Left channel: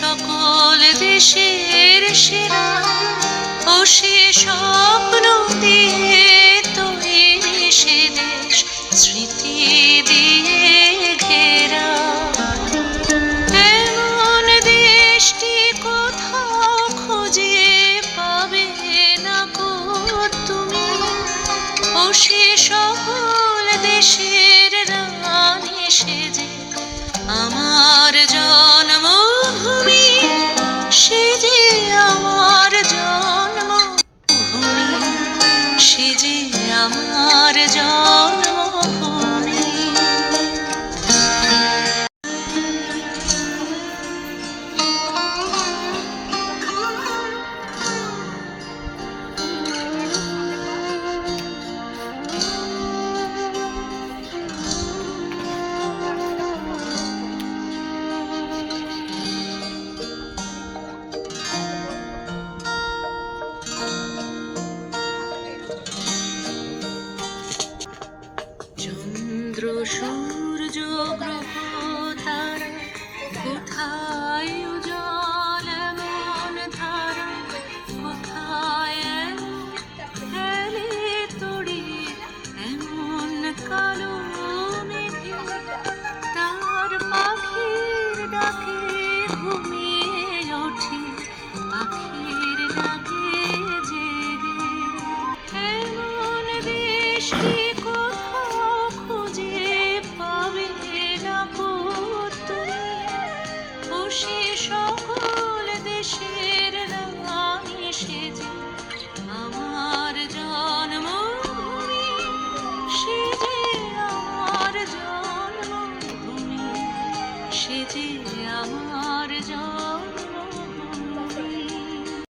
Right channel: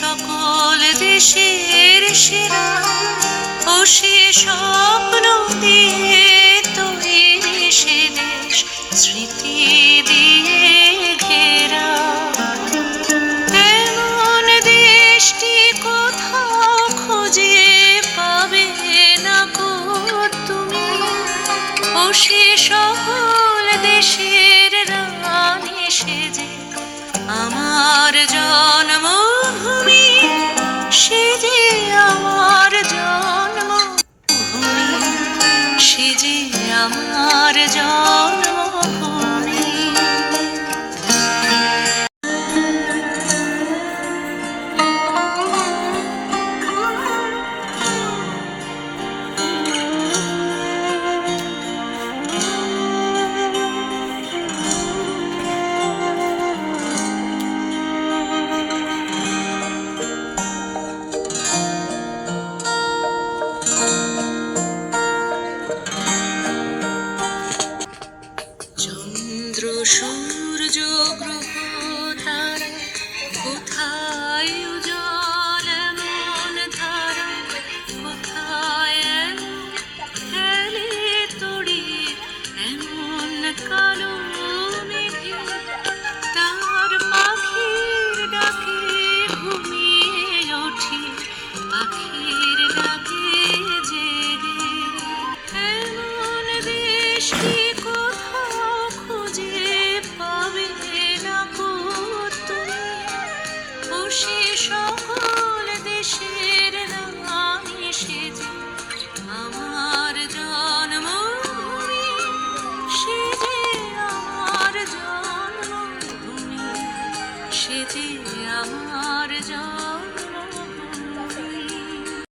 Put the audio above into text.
সকল দেশের সেরা ও সে স্বপ্ন দিয়ে তৈরি সে দেশ স্মৃতি দিয়ে ঘেরা। এমন দেশটি কোথাও খুঁজে পাবে না গো তুমি, ও সে সকল দেশের রানী সেজে আমার জন্মভূমি, সে যে আমার জন্মভূমি, সে যে আমার জন্মভূমি। চন্দ্র সূর্য গ্রহ তারা কোথায় উজ্জ্বল এমন ধারা, কোথায় খেলে তড়ি এমন কালো মেঘে, তার পাখির ডাকে ঘুমিয়ে ওঠি, পাখির ডাকে জেগে। এমন দেশটি